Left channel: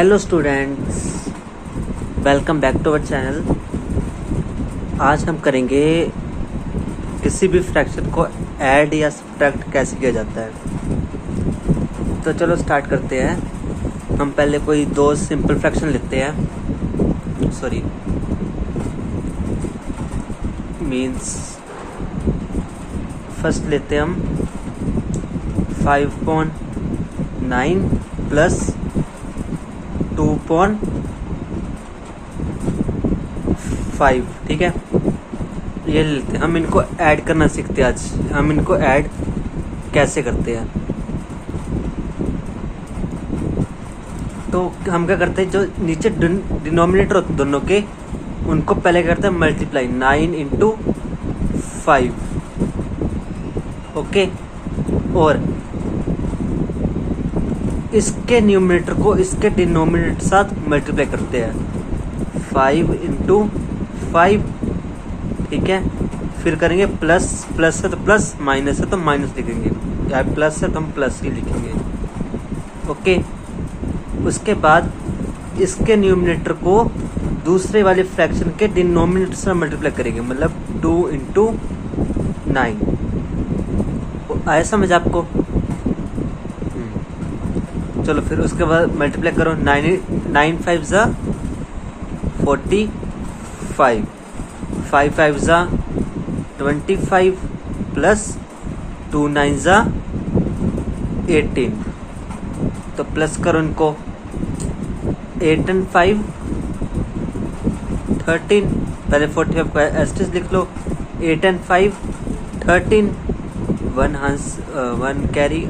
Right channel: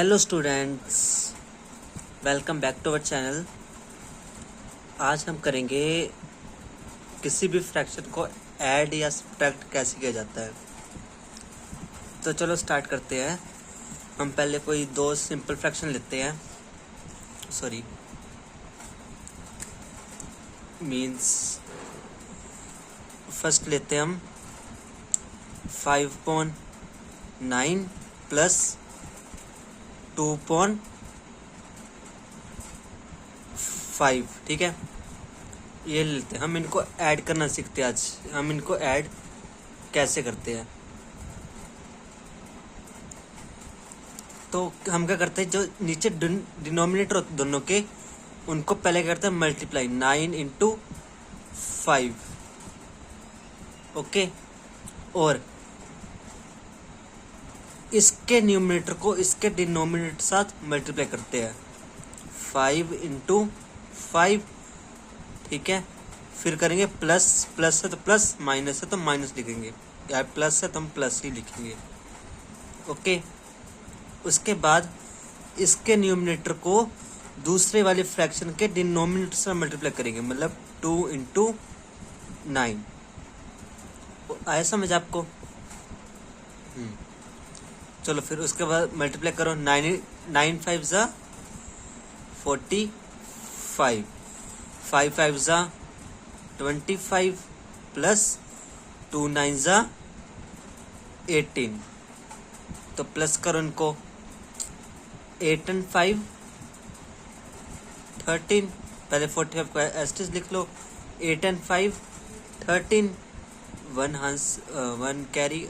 Hello students, welcome back to our channel. आज हम करेंगे किसी भी फ्रैक्शन को ऐड या सब्ट्रैक्ट कैसे किया जाता है। तो चलो स्टार्ट करते हैं। हम पहले कोई दो सिंपल फ्रैक्शन लेते हैं। फर्स्ट लेते हैं हम 5/9 प्लस 2/5। ठीक है, ये लेते हैं। हम इनको ऐड करना सीखते हैं। आज हम इनको ऐड कैसे करते हैं। तो हम क्या करते हैं, जो नीचे डिनोमिनेटर होते दोनों के, उनको पहले करते हैं मल्टीप्लाई 9 × 5। ओके, और इसके न्यूमरेटर को इसके डिनोमिनेटर साथ मल्टीप्लाई करते हैं 5 × 5। ठीक है, फिर करेंगे प्लस है तो प्लस, माइनस है तो माइनस लिखेंगे, या प्लस है तो हम प्लस ही लिखेंगे। ओके, उसके बाद इसके न्यूमरेटर को दूसरे वाले फ्रैक्शन के डिनोमिनेटर से मल्टीप्लाई करेंगे, मतलब 2 × 9। आया समझ आपको? चलो फिर उसके बाद मल्टीप्लाई करो। 9 5 ज़ा 45, 5 5 ज़ा 25 प्लस 2 9 ज़ा 18। तो प्लस करो इनको। 8 × 5 13। पहले 45 को एस्टिस लिख लो। 8 × 5 13। 1 कैरी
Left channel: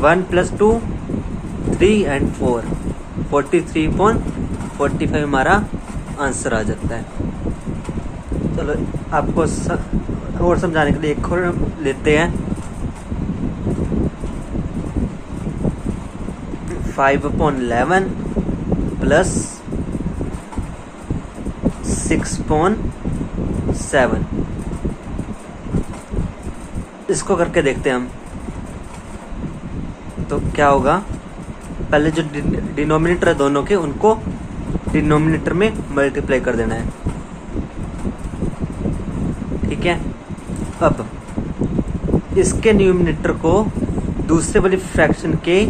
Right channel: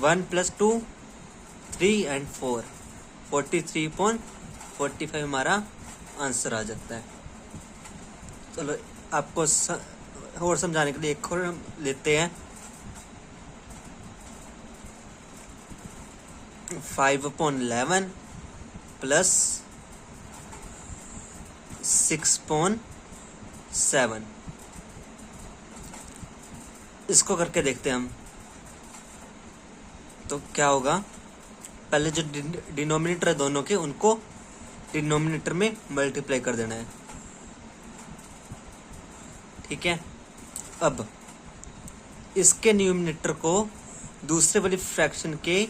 1 + 2 3 and 4 43/45 हमारा आंसर आ जाता है। चलो आपको और समझाने के लिए एक और लेते हैं। 5/11 प्लस 6/7। इसको करके देखते हैं हम। तो क्या होगा, पहले जो डिनोमिनेटर है दोनों के, उनको डिनोमिनेटर में मल्टीप्लाई कर देना है। ठीक है, अब इसके न्यूमिनेटर को दूसरे वाली फ्रैक्शन के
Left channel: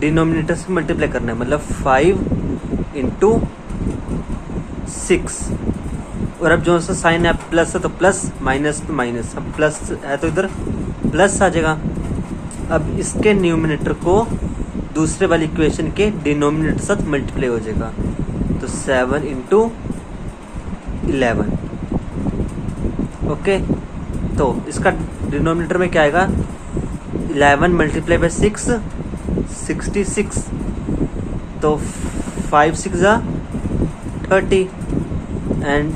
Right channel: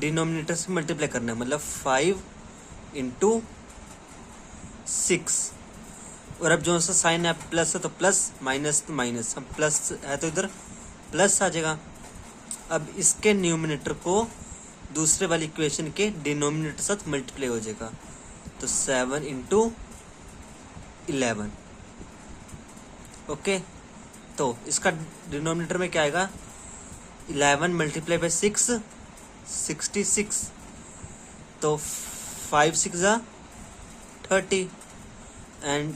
डिनोमिनेटर से मल्टीप्लाई करना है, मतलब 5 × 6। और अब जो सा साइन है, प्लस है तो प्लस, माइनस तो माइनस। अब प्लस है तो इधर प्लस आ जाएगा। अब इसके न्यूमिनेटर को दूसरे वाली इक्वेशन के डिनोमिनेटर साथ मल्टीप्लाई हो जाएगा, तो 7 × 11। ओके, तो इसका डिनोमिनेटर में क्या आएगा, 11 × 6 66। तो 5 6 ज़ा 30 एंड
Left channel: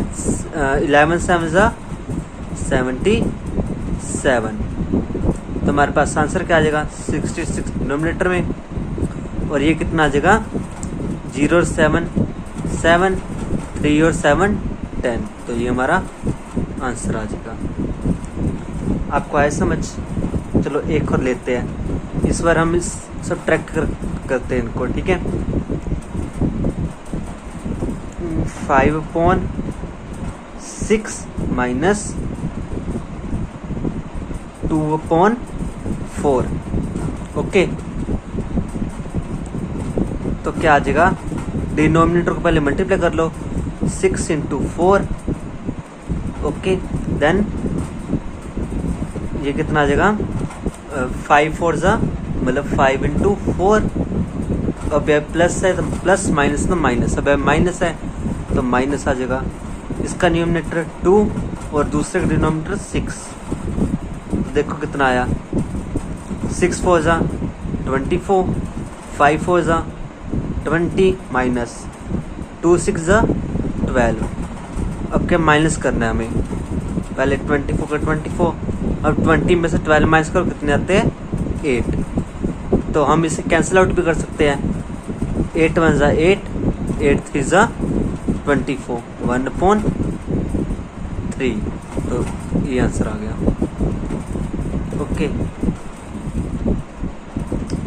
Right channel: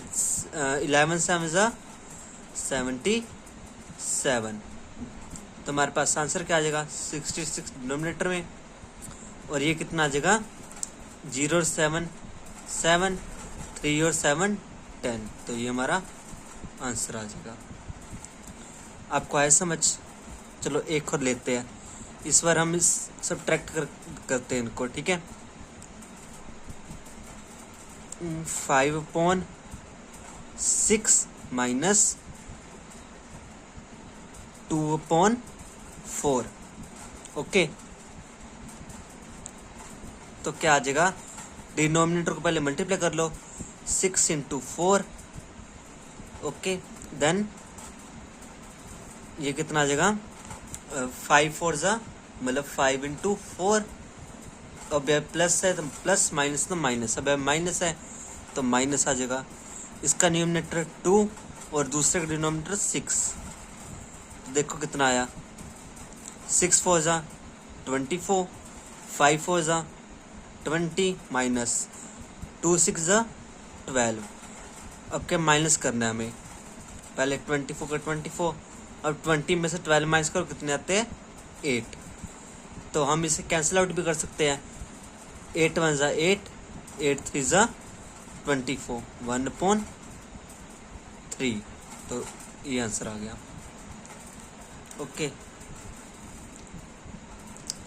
11 7 ज़ा 77। तो हमारे पास आंसर क्या आ जाएगा, 66 डिनोमिनेटर में, और ये कितना आ जाएगा, 0 और 7 7, 3 और 7 10। तो ये हमारा आंसर आ जाएगा। आपको आया समझ? चलो एक और लेते हैं। इस बार हम इस सब्ट्रैक्ट करते हैं इनको। ठीक है, 5/6 माइनस 2/4। ओके, तो क्या आ जाएगा, डिनोमिनेटर को पहले मल्टीप्लाई कर लो, 6 × 4। ओके, देन ये कितना आ जाएगा, 5 4 ज़ा, मतलब 5 × 4। अब प्लस है तो प्लस, माइनस तो माइनस। अब माइनस है तो माइनस आ जाएगा। इसका न्यूमिनेटर 2 और दूसरे का डिनोमिनेटर 6। तो देखो कितना आया, 6 4 ज़ा 24, 5 4 ज़ा 20, माइनस 2 6 ज़ा 12। अब क्या माइनस करना है हमें, पहले 24 का 24, अब 20 में से 12 माइनस करो, कितने आते हैं, 8। तो हम इसे कैंसिल आउट भी कर सकते हैं। 8 1 ज़ा 8, 8 3 ज़ा 24, 1/3। तो ये आंसर आ गया। ओके,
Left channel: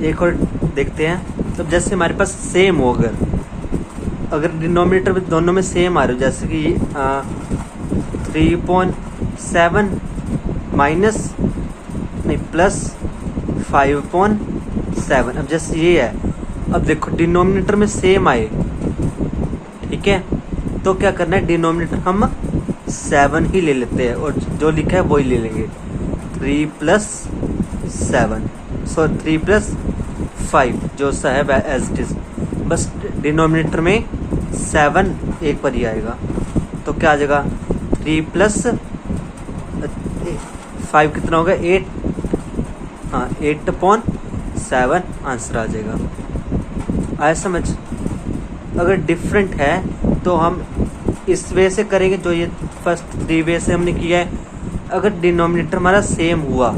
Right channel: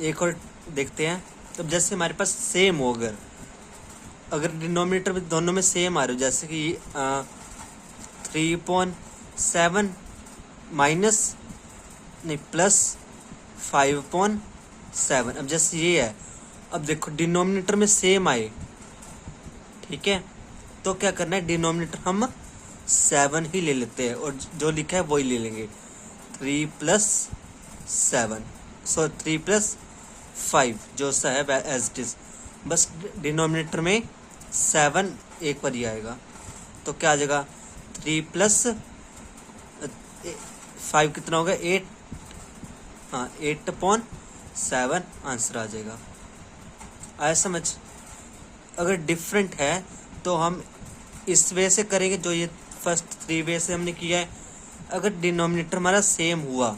एक और देखते हैं। तो जैसे हमारे पास सेम हो, अगर डिनोमिनेटर में दोनों में सेम आ रहे हो, जैसे कि 3.7 माइनस नहीं प्लस 5.7। अब जैसे ये है, अब देखो डिनोमिनेटर में सेम आए, ठीक है, तो क्या करना है, डिनोमिनेटर हम 7 ही ले लेते हैं और जो लिखा है वही ले लेंगे। 3 + 7 3 + 5 जो सा है एज इट इज, बस डिनोमिनेटर में 7 एक पर ही आएगा। तो क्या आ जाएगा, 3 + 5 कितना होगा, 8। हाँ 8.7 आंसर आ जाएगा। आया समझ। अगर डिफरेंट है तो हम इस वे से करेंगे, जो ये फर्स्ट 3 वे से हमने किया है। अगर डिनोमिनेटर हमारा सेम हुआ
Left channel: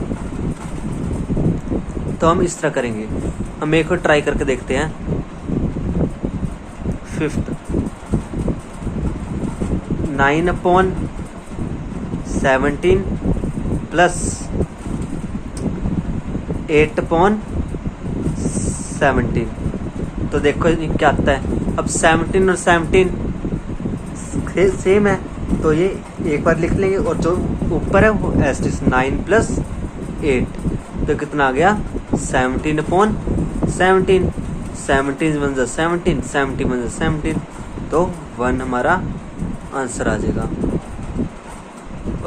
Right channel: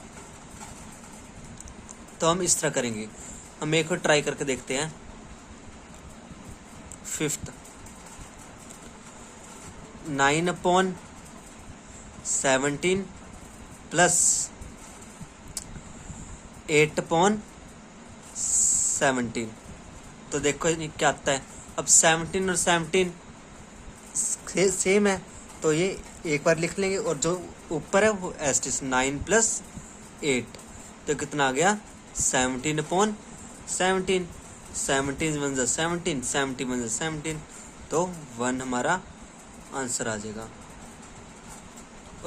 तो हम इस तरह करेंगे। हम एक और ट्राई करके देखते हैं। 5th 9/17 plus 8/17। तो देखो क्या आता है। अब 17 और 17 सेम है, तो ये एक बार लिख लेंगे और जो ऊपर है वो एस 9 + 8, तो कितना आ गया, 17/17। 17 × 17, 17 × 17, तो 1 हमारा आंसर आ जाएगा।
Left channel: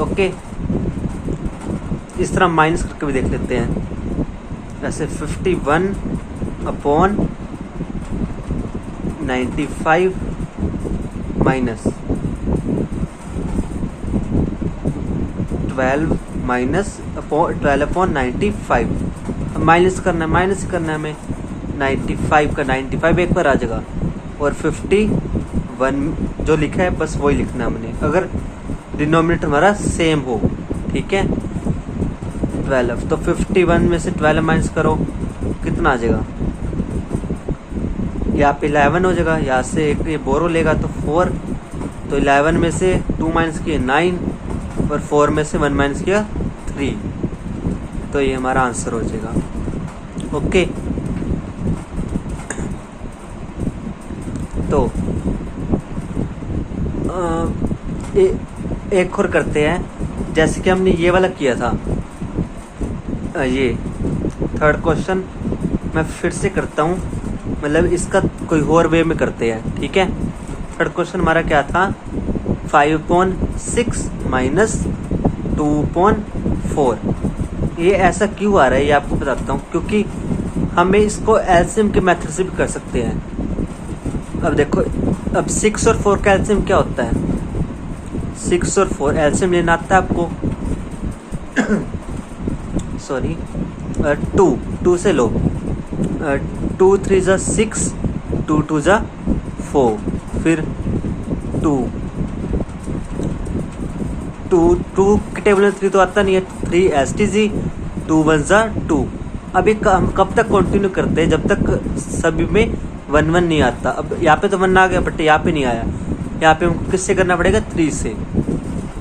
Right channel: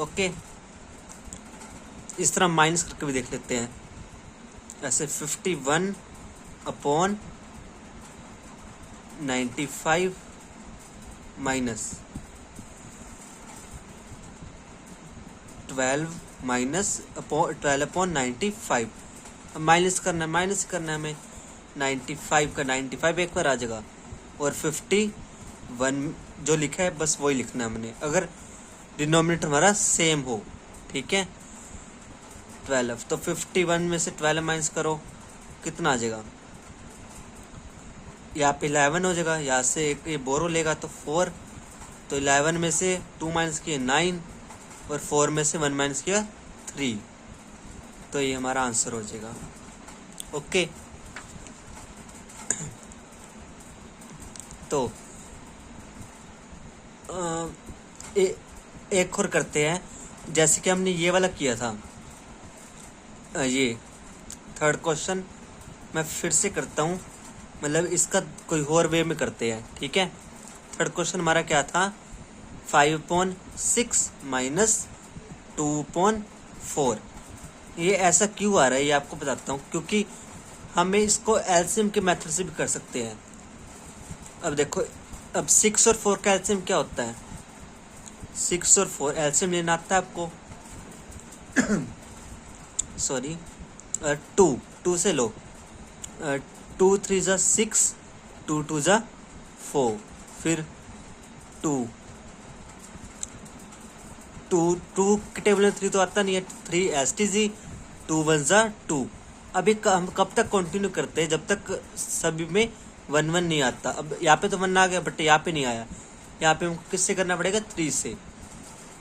ओके, इस तरह माइनस करके भी देख लेते हैं। ऐसे 51/95 माइनस 12/95। माइनस करना है, माइनस करना है हमें। 95 का 95 एक बार आ जाएगा और 51 जो लिखा है बस वही लिखना है हमने, अगर डिनोमिनेटर हमारा सेम हो, ठीक है। 12, तो 51 में से 12 माइनस करो, कितना आ जाएगा, यहाँ पे 11 हो जाएगा। यहाँ से एक ये बोरो लेगा तो 4, तो 11 में से 2 माइनस किया 9 और 4 में से 1 माइनस किया 3, तो ये हमारा आंसर हो जाएगा। ओके, तो एक और करते हैं। जैसे कि हमने ये वाला किया था, ये 3rd क्वेश्चन मैं फिर से करता हूँ, मतलब इसका कोई और वे में करते हैं, ठीक है। 3rd क्वेश्चन हमारा क्या था, 5.6 माइनस 2.4। ये ऐसा क्यों आ रहा है ये आपको बताता हूँ, क्योंकि हमें इसको एलसीएम के मेथड से भी कर सकते हैं। अब देखो, अब 6 और 4 का एलसीएम क्या होता है, 6 और 4 एलसीएम लेना आता है आपको। सॉरी, 2 से लो, 2 3 = 6, 2 2 = 4, फिर 2 के टेबल में 3 तो आता नहीं है, 3 STG, 2 1 = 2। अभी हम कब तक कंटिन्यू करते हैं, जब तक सभी में 1 1 नहीं आता। अब यहाँ पे तो 1 आ गया, बट यहाँ पे नहीं आया। यहाँ पे हमको किससे करना पड़ेगा, 3 से।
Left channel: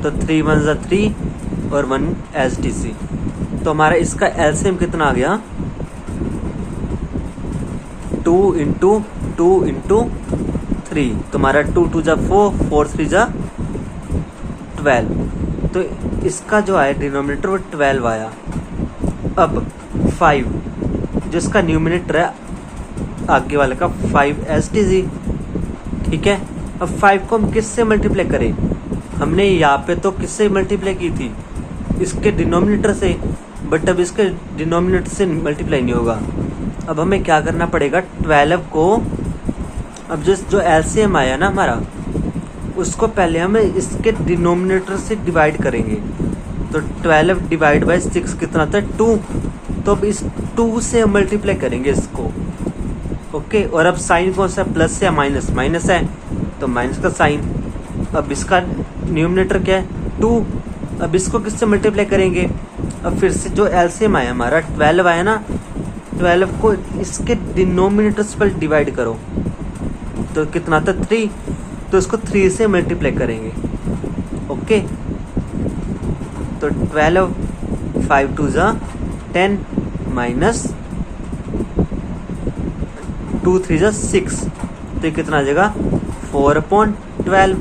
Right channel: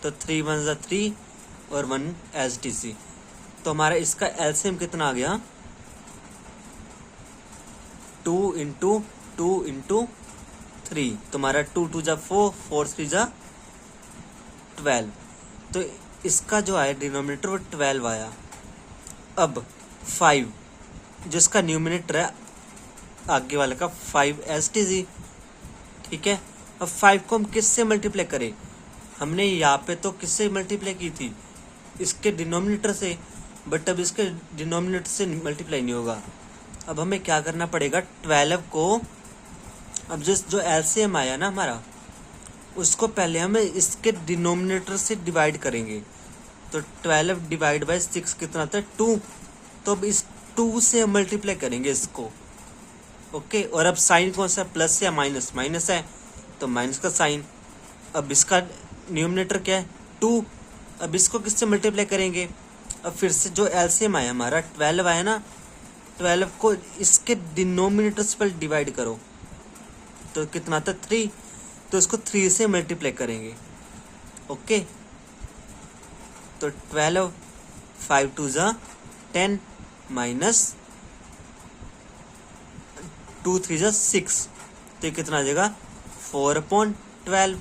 तो 3 1 = 3 और 1 STC। तो हमारा इसका एलसीएम कितना आ गया, 2 × 2 × 3। तो हमारा 2 2 = 4, 4 3 = 12। तो इसका जो आया डिनोमिनेटर वो 12 आया। अब 5 जो इसका न्यूमिनेटर है आगे वाले का, 5 STG, ठीक है। अब 5 को हम किससे मल्टीप्लाई करें, हमने यहाँ पे तो किससे मल्टीप्लाई की थी, इसके डिनोमिनेटर से, बट अब इसके डिनोमिनेटर से मल्टीप्लाई नहीं होगा। अब हमें क्या करना पड़ेगा, 12 को, अब जो एलसीएम आया ना हमारा, उसको पहले हम इसके डिनोमिनेटर से डिवाइड करेंगे। तो 12 / 6 कितना था, 2। तो अब इस 2 से हम मल्टीप्लाई करेंगे इसको, ओके। और अब साइन कौन सा, प्लस या माइनस, माइनस है तो माइनस का साइन। अब इसका न्यूमिनेटर क्या है, 2। अब इसको किससे मल्टीप्लाई करेंगे, अब फिर से जो एलसीएम आया हमारा 12 आया ना, 12 को इसके डिनोमिनेटर्स पर डिवाइड करो, तो कितना था, 3। तो इसको 3 से मल्टीप्लाई करेंगे, ओके। तो 12, 5 2 = 10 माइनस 2 3 जा 6, तो ये कितना आ जाएगा 4/12,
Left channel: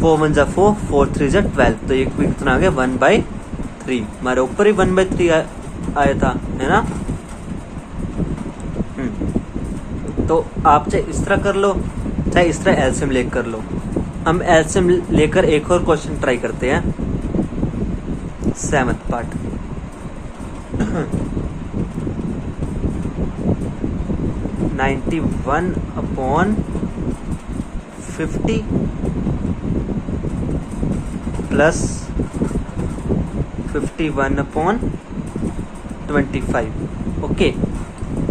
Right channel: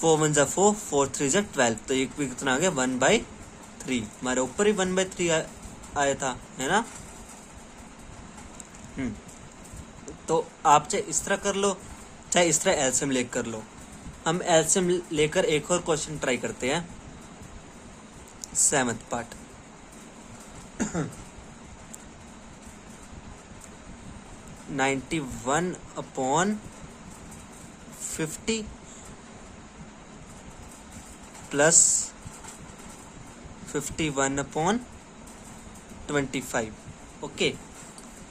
4 1 जा 4, 4 3 जा 12, तो ये कितना आ गया 1/3। हमारे ऊपर ही 1/3 आया था, है ना। तो आप चाहे इस तरह कर लो, चाहे इस तरह एलसीएम लेकर कर लो। हम एलसीएम लेकर एक और क्वेश्चन ट्राई करते हैं, 7th पार्ट। 91/50 प्लस 51/25। ओके,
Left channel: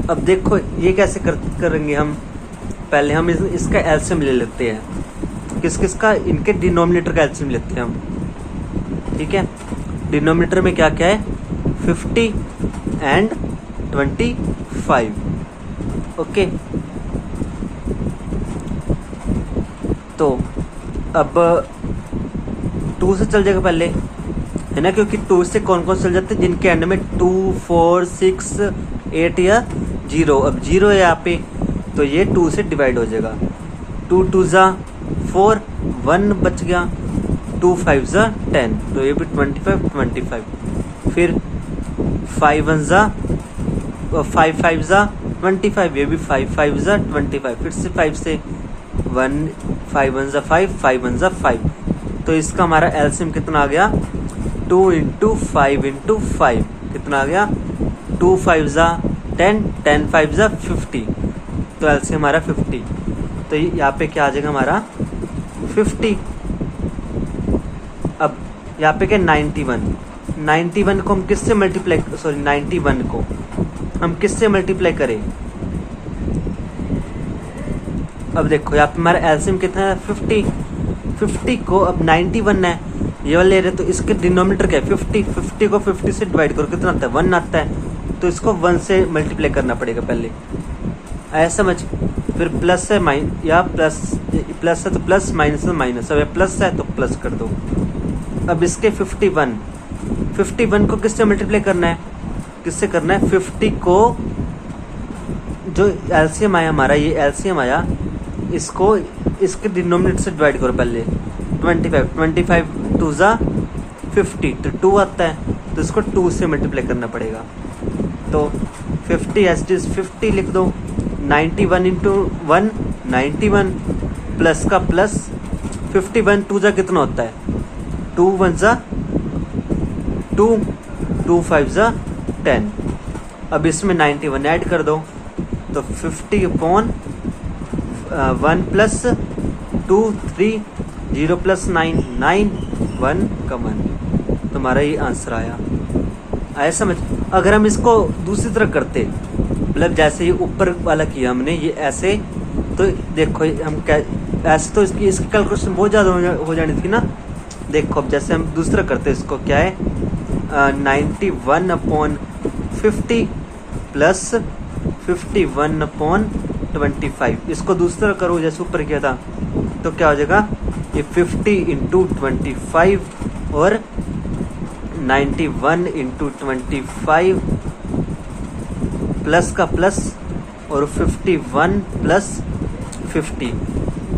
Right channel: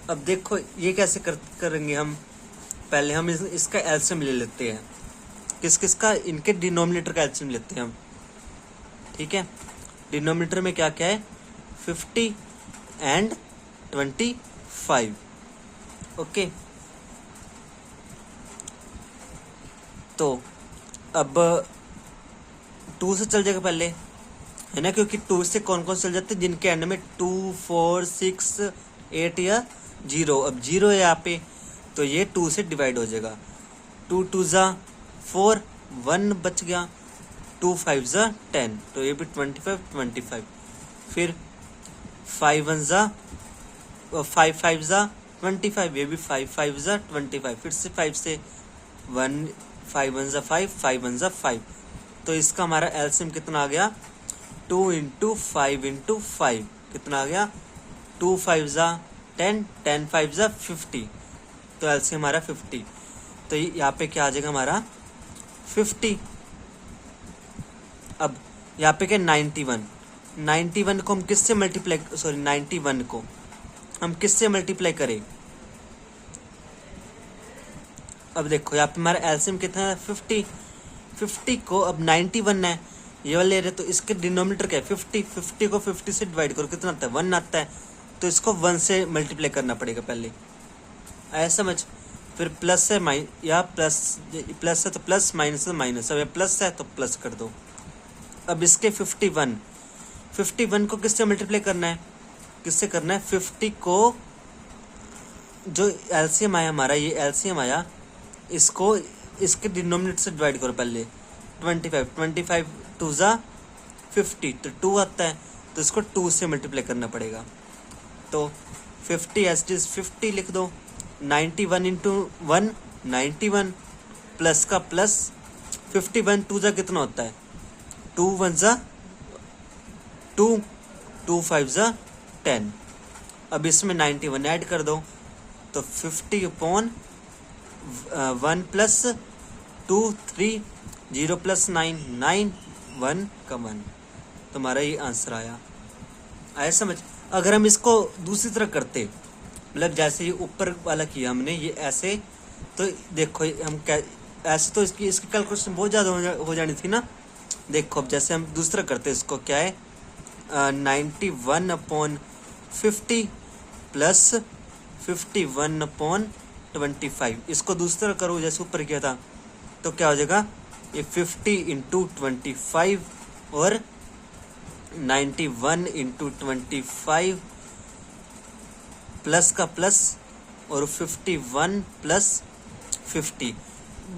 अब देखो ये कैसे करेंगे हम। पहले हम इसका एलसीएम ले लेते हैं। किस का, इनके डिनोमिनेटर का एलसीएम लेते हैं हम। ठीक है, डिनोमिनेटर में क्या क्या है, 50 एंड 25। ओके, तो अब 2 से चल जाएगा पहले, है ना, क्योंकि 2 से कौन कौन चल जाते हैं, जिनके एंड में 2 4 6 8 या 0। अब 0 है यहाँ पे, तो ये 2 से डिवाइड हो जाएगा। 2 2 जा 4, 1 बच गया, 2 5 जा 10, तो ये भी 25। फिर 5 1 जा 5 5 जा 25, ये भी 5 5 जा 25। फिर से 5 से 1, 5 1 जा 5, 5 1 जा 5, तो इसका हमारा एलसीएम कितना आ गया, 2 × 5 × 5 कितना आ गया, 2 5 जा 10, 10 5 जा 50, तो एलसीएम हमारा 50। तो यहाँ पे क्या आ जाएगा हमारा 50। अब यहाँ पे क्या 91 को हम किससे मल्टीप्लाई, 91 को हम किससे मल्टीप्लाई करें। अब देखो यहाँ पे हमारा एलसीएम कितना है 50 को, अब 91 है ये वाला ले रहे, तो इसके डिनोमिनेटर क्या है 50 को 50 से डिवाइड करो, कितना आता है 1 आता है, तो इसको 1 से मल्टीप्लाई करना पड़ेगा पहले, ऐसा समझ। फिर प्लस है या प्लस है तो प्लस, माइनस है तो माइनस। अब प्लस है तो प्लस कर दो। अब इसके 51 को किससे मल्टीप्लाई करना है, किससे करना है, 50 को जो एलसीएम आया हमारा, ये एलसीएम आया, इसको इसके डिनोमिनेटर से डिवाइड करो पहले, 25 2 जा 50, तो 2 आता है, तो इसको 2 से मल्टीप्लाई करना पड़ेगा। तो 50 एज इट इज 50 लिख दो। 91 × 1 91 प्लस का प्लस, 51 2 जा कितना होता है, 2 1 जा 2, 2 5 जा 10। अब इसमें 91 ऐड कर दो, तो 50/1 प्लस 2 3, 0 प्लस 9 9, 1 का 1, तो हमारा ये आंसर आया समझ। अगर हम इसको दूसरी तरह करते, मतलब जैसे ये ऊपर वाला किया हमने, ये ऐसे, तो देखो हम ऐसे तो इसकी कैलकुलेशन बहुत ज़्यादा हो जानी थी ना। देखो अब जैसे हम दूसरा करते, इसको क्या है 91/50 प्लस 51/25, इसको दूसरा करो जैसे ऊपर किया था, तो क्या हो जाएगा, ये 50 × 25 और 91 × 25 प्लस का प्लस और 51 प्लस 50,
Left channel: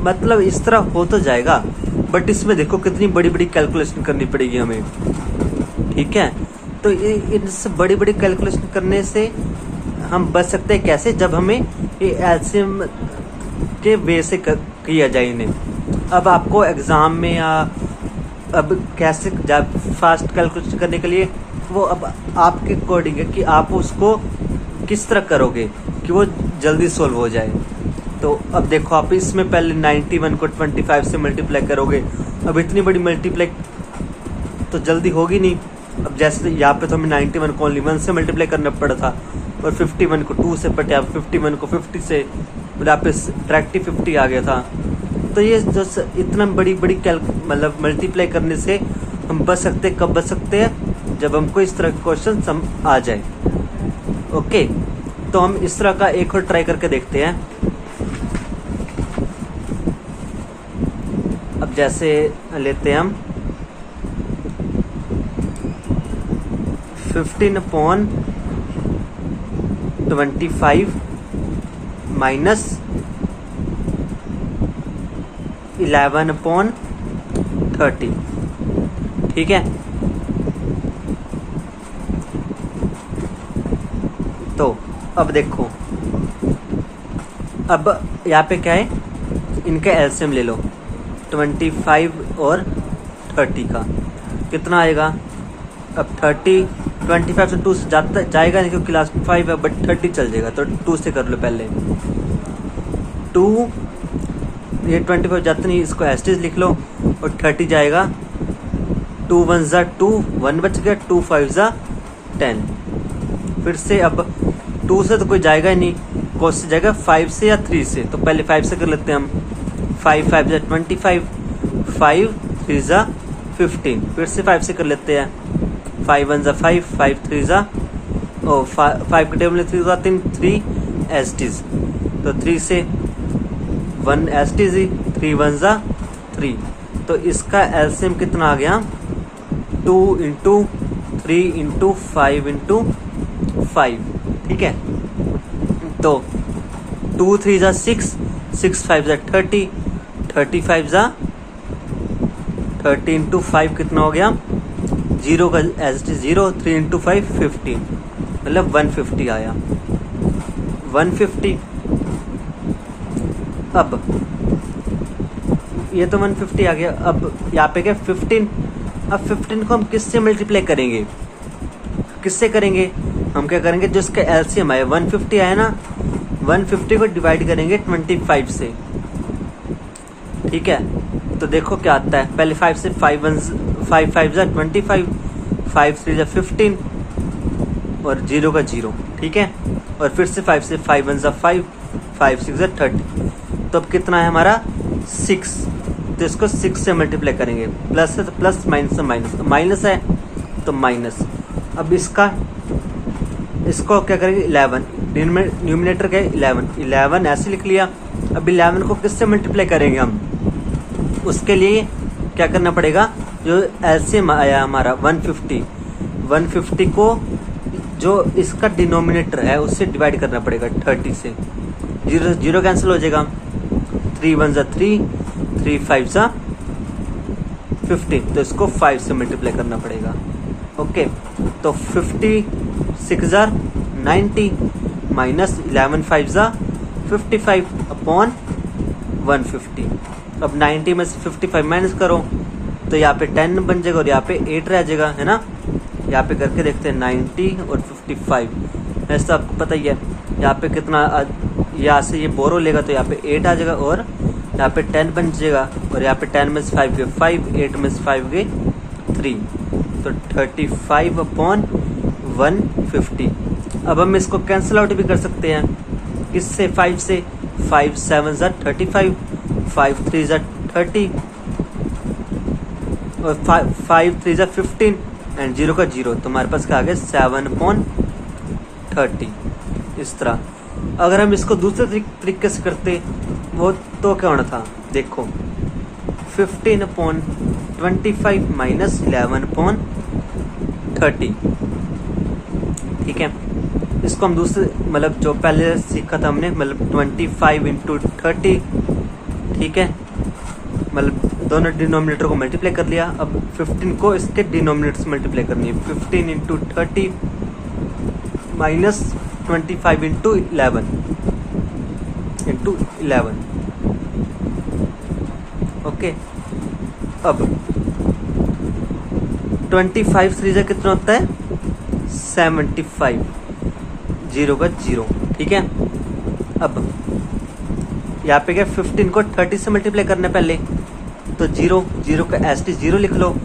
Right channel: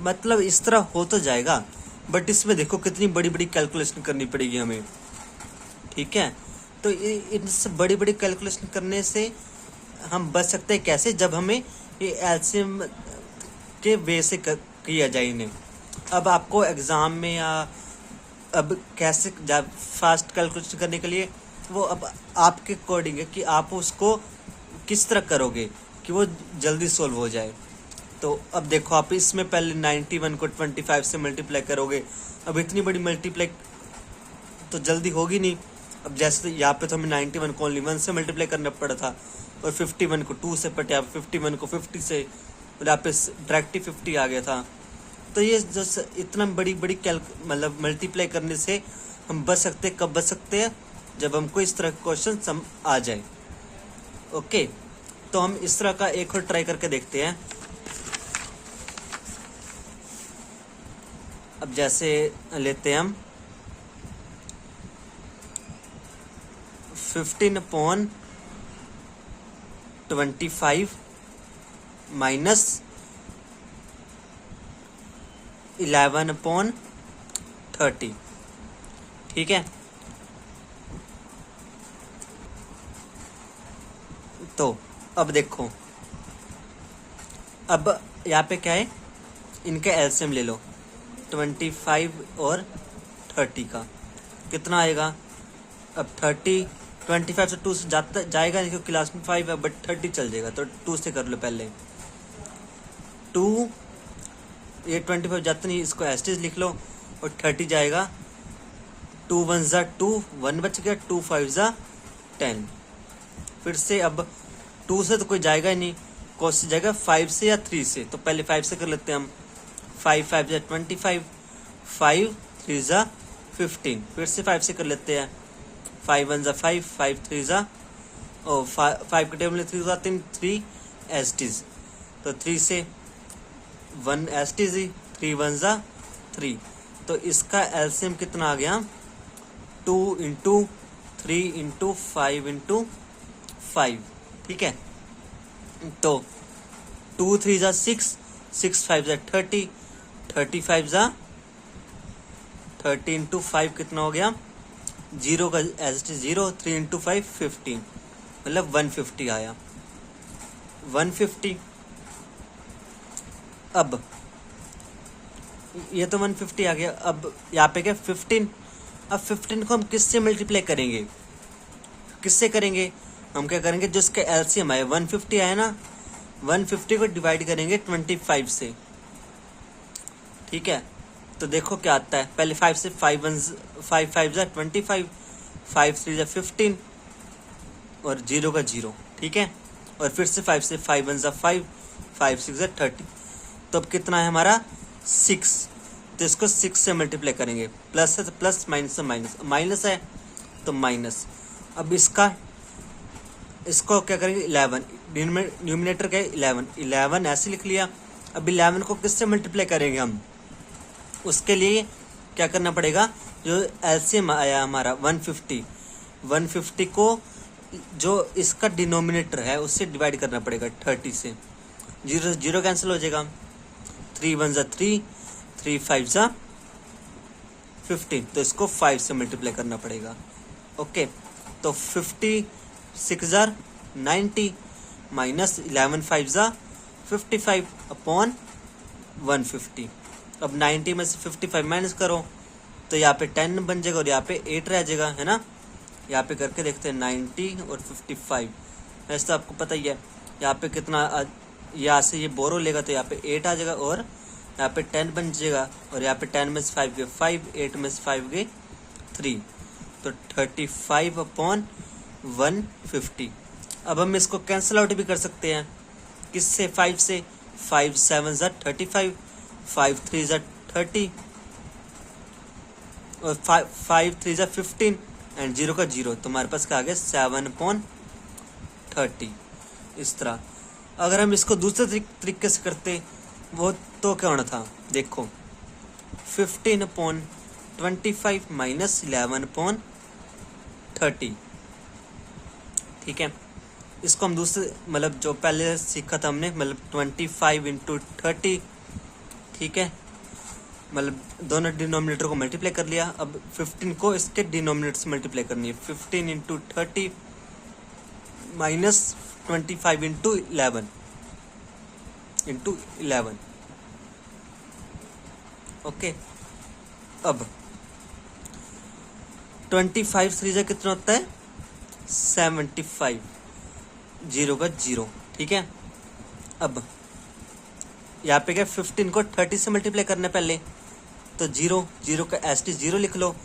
मतलब इस तरह हो तो जाएगा, बट इसमें देखो कितनी बड़ी बड़ी कैलकुलेशन करनी पड़ेगी हमें। ठीक है, तो इनसे बड़ी बड़ी कैलकुलेशन करने से हम बच सकते हैं कैसे, जब हमें ये एलसीएम के वे से किया जाए इन्हें। अब आपको एग्ज़ाम में या अब कैसे जब फास्ट कैलकुलेशन करने के लिए, वो अब आपके अकॉर्डिंग है कि आप उसको किस तरह करोगे कि वो जल्दी सोल्व हो जाए। तो अब देखो आप इसमें पहले 91 को 25 से मल्टीप्लाई करोगे, अब इतनी बड़ी मल्टीप्लाई तो जल्दी होगी नहीं। अब जैसे यहाँ पे तो हमें 91 को ओनली 1 से मल्टीप्लाई करना पड़ा था, और 51 को 2 से, बट यहाँ 51 को 50 से, यहाँ पे डायरेक्ट 50 आ गया था। तो ये जो इतना बड़ी मतलब मल्टीप्लाई करने से हम बच सकते हैं, कब बच सकते हैं, जब हमको इस तरह के क्वेश्चन आ जाए। ओके, तो हम इस तरह का एक और ट्राई करके देखते हैं। अब जैसे लेते हैं हम 15/25 माइनस 11/30, ठीक है। तो अब देखो, अब यहाँ पे क्या है, इनका एलसीएम ले लो, 25 और 30 का कितना आएगा। अब 25 से 2 से जाता जाएगा नहीं क्योंकि क्लास में 5 है, बट 30 चल जाएगा, तो 2 से कर लो पहले। 2 ये 25 जाता नहीं, इसको एस्टेज लिख लो, और 30 जाएगा। 2 1 ज़ा 2, 1 बच गया, 2 5 ज़ा 10। फिर से अब 2 से तो कोई जाएगा ही नहीं, कौन से जाएगा, 5 से या 3 से। तो पहले 5 से कर लेते हैं हम। 5 5 ज़ा 25, 5 3 ज़ा 15। फिर से 5 से कर लेते हैं। 5 1 ज़ा 5, 5 3 ज़ा 5 के टेबल में 3 ज़ा 3 एस्टीज, तो 3 से 1 एस्टीज ही, 3 1 ज़ा 3। तो इसका एलसीएम कितना आ गया, 2 इंटू 3 इंटू 5 इंटू 5, ठीक है। तो 2 3 ज़ा 6, 6 5 ज़ा 30, 35 ज़ा 30 इंटू 5 कितना हो गया, 0 का एज 0, 3 इंटू 5 15, मतलब 150 आया, 150। अब ये तो 150 आ गया। अब यहाँ पे क्या 15, अब 15 को हम किससे मल्टीप्लाई करेंगे, किससे करेंगे, हम क्या करेंगे, जो इसका एलसीएम आया 150 आया ना, 150 को डिवाइड करेंगे 25 से, ठीक है। तो देखो क्या आता है, पहले 5 से 5 5 ज़ा 25, 5 3 ज़ा 15 और 0 का 0, ठीक है। और फिर से 5 से 5 1 ज़ा 5, 5 6 ज़ा 30। तो अब कितना है हमारा 6, तो इसको 6 से मल्टीप्लाई करेंगे, प्लस है तो प्लस, माइनस है माइनस, माइनस है तो माइनस। अब इसको क्या करेंगे 11, न्यूमिनेटर का 11 ऐसे लिख लिया। अब 11 को किससे मल्टीप्लाई करेंगे हम, उसके लिए क्या करना पड़ेगा, जो एलसीएम आया हमारा 150 को जो इसका डिनोमिनेटर है उससे डिवाइड करना पड़ेगा 30 से। 0 कैंसिल हो जाएगा, 3 1 ज़ा 3, 3 5 ज़ा 15, तो इसको 5 से मल्टीप्लाई करना पड़ेगा, ओके। तो 56 ज़ा 90 माइनस 11 5 ज़ा 55 अपॉन 150। अब 90 में से 55 माइनस करो तो यहाँ पे 10 बन जाएगा और यहाँ पे 8 रह जाएगा, है ना। यहाँ पे करके देखते हैं 90 और 55, वैसे तो आपको पता ही है। यहाँ पे कितना, यहाँ से ये बोरो लेगा तो यहाँ पे 8 आ जाएगा और यहाँ पे 10 बन जाएगा, और यहाँ पे 10 में से 5 गए 5, 8 में से 5 गए 3, तो 35 अपॉन 150। अब हम इसको कैंसिल आउट भी कर सकते हैं, किससे, 5 से। 5 7 ज़ा 35, 5 3 ज़ा 30 और 5 3 ज़ा 15 एंड 0 का 0, तो हमारे पास क्या आ गया 7/30। इस तरह अगर हम इसको दूसरे तरीके से करते वो तो क्या होना था, देखो 15/25 माइनस 11/30, ठीक है। इसको हम दूसरे, मतलब जो पहले सीखा था हमने, मतलब 25 इंटू 30, ठीक है, मतलब दोनों डिनोमिनेटर को मल्टीप्लाई कर लिया। अब 15 को इसके डिनोमिनेटर से मल्टीप्लाई करनी है, 15 इंटू 30 माइनस 25 इंटू 11 ओके। अब 25 3 जा कितना होता है 75, 0 का 0, ठीक है। अब यहाँ पे क्या 15 को 30 से मल्टीप्लाई करना है पहले, तो 0 का एसटी 0 लिख लो।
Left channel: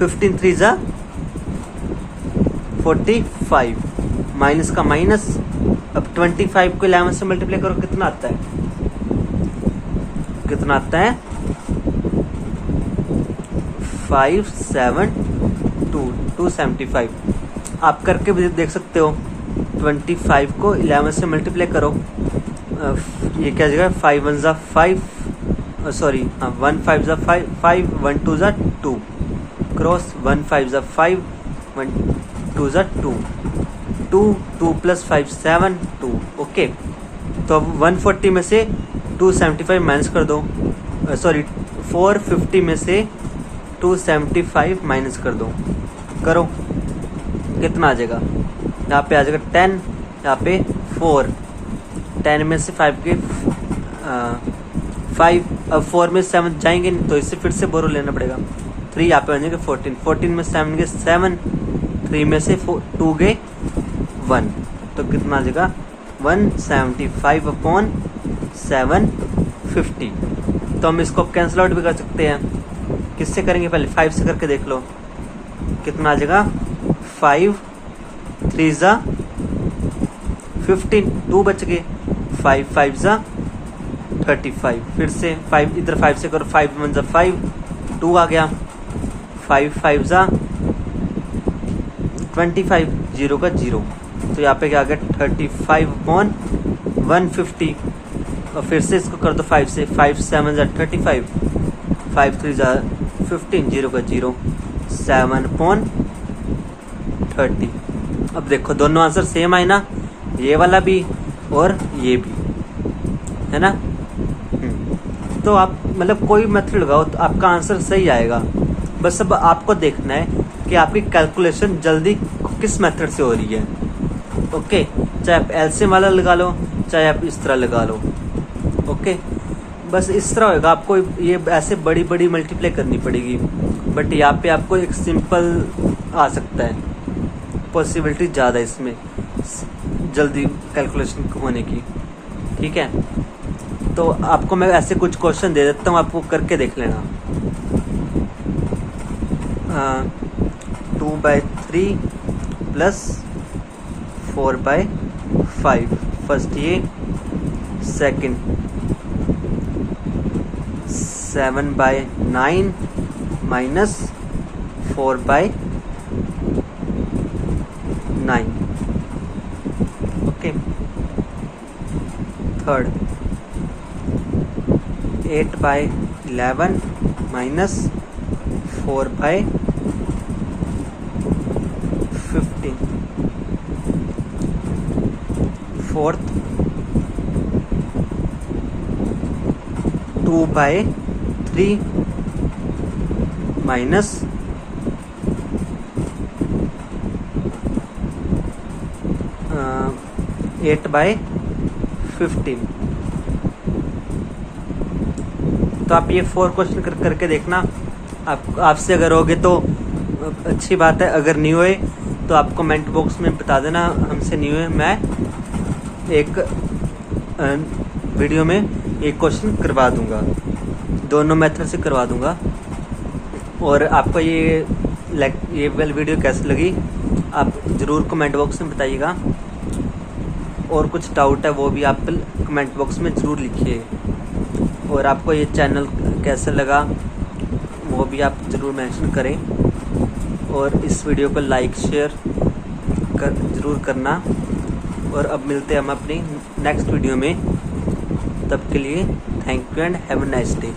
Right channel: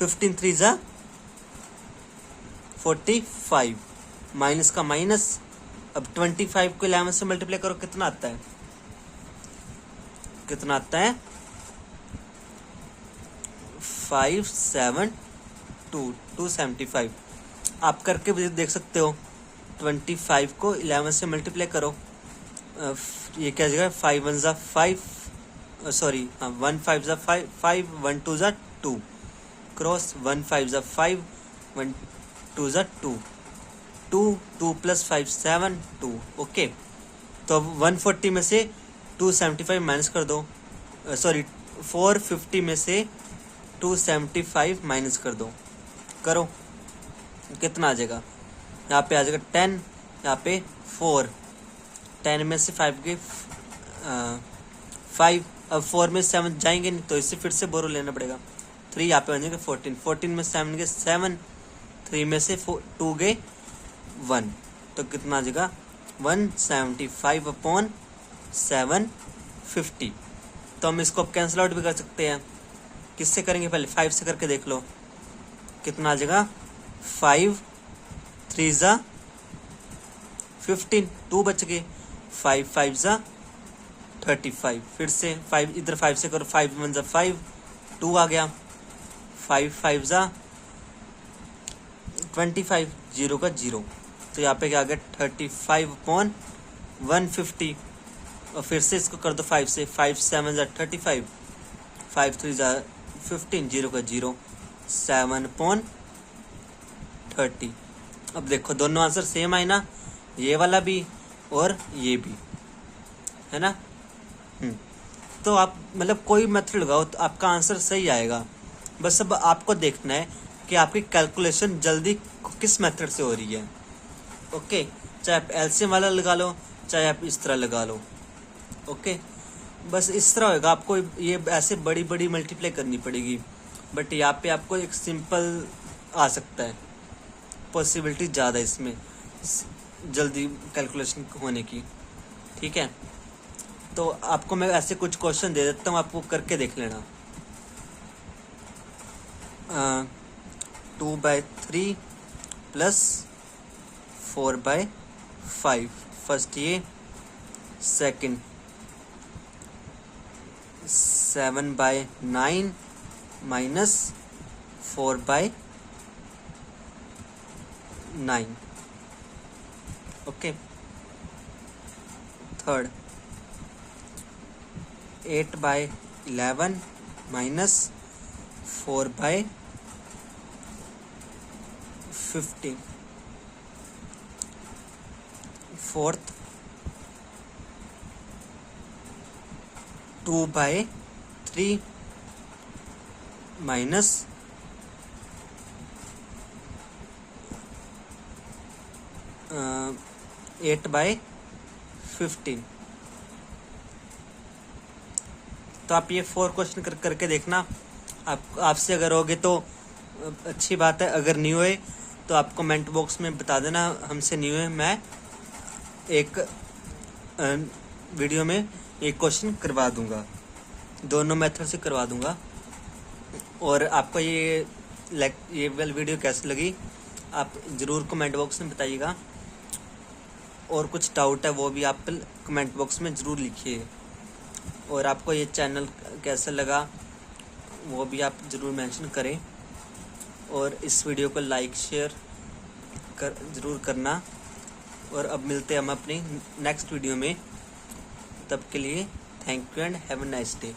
15 3 जा 45 माइनस का माइनस। अब 25 को 11 से मल्टीप्लाई करो, कितना आता है 275। आप करके भी देख सकते हो। 25 को 11 से मल्टीप्लाई करो, ये क्या जगह 5 1 ज़ा 5, सॉरी 1 5 ज़ा 5, 1 2 ज़ा 2 क्रॉस 1 5 ज़ा 5, 1 2 ज़ा 2 2 2 प्लस 5 7 2 ओके। तो अब 140 में से 275 माइनस कर दो, सॉरी 450 में से 275 माइनस कर दो, करो कितना आ जाएगा। यहाँ पे आ जाएगा 10, यहाँ पे 4, 10 में से 5 के 5, अब 4 में 7 जाएंगे नहीं तो इससे फिर से बोरो लेना पड़ेगा। 3 यहाँ पे आ जाएंगे 14, 14 में 7 के 7, 3 में से 2 गए 1, तो कितना आ जाएगा 175/750। तो हम इसको कैंसिल आउट भी कर सकते हैं। किससे करेंगे, पहले 5 से करके देख लो कितना आ जाएगा। 5 3 ज़ा 15, 2 बच गए, 5 5 ज़ा 35, फिर से 5 इधर 5 से करो, 5 1 ज़ा 5, 2 आ गया, 5 5 ज़ा 25, 0 का 0, तो यहाँ पे क्या आ गया 35/150। और फिर से इसको कर दो 5 से, 5 7 ज़ा 35, 5 3 ज़ा 15, 0 का 0, 7/30। अब देखो दोनों आंसर सेम आए ना, ये वाला भी और ये भी, है ना। तो आप मतलब कोई मेथड लगाओ तो आपका आंसर सही आएगा। बस अब आपको देखना है कि आपकी कैलकुलेशन जल्दी किस मेथड से हो रही है। ओके, चाहे आप एलसीएम वाला लगा लो, चाहे आप इस तरह लगा लो। ओके, बस इस तरह होगा। आपको ये ऐसे बड़ी बड़ी मल्टीप्लाई करनी पड़ेगी, बट यहाँ पे आपको एक सिंपल आ सकता है, पॉसिबिलिटी ज़्यादा है इसमें जल्दी कैलकुलेशन होने की। ठीक है, तो आपको मैं ऐसे कुछ क्वेश्चन दे देता हूँ, आपको करके देख लेना। 2/3 प्लस 4/5, फर्स्ट ये, second 7/9 minus 4/9। Okay, third 8/11 minus 4/15। Fourth 2/3 minus 8/15। तो आप ये 4 क्वेश्चन करके देखना। आपसे अगर होगे तो अच्छी बात है, अगर नहीं हुए तो आप कमेंट बॉक्स में बता देना हमसे नहीं हुए। मैं एक वीडियो में एक क्वेश्चन करवा दूंगा, दोनों मेथड से करवा दूंगा। और आपको ये वीडियो कैसी लगी आप ज़रूर कमेंट बॉक्स में बताइएगा। और कुछ डाउट है वो भी आप कमेंट बॉक्स में ज़रूर लिखिए। और आपको ये चैनल कैसा लगा वो भी आप ज़रूर मेंशन करें। और इस वीडियो को लाइक शेयर ज़रूर करना। और अब मिलते हैं हम अपनी नेक्स्ट वीडियो में, तब के लिए thank you and have a nice day.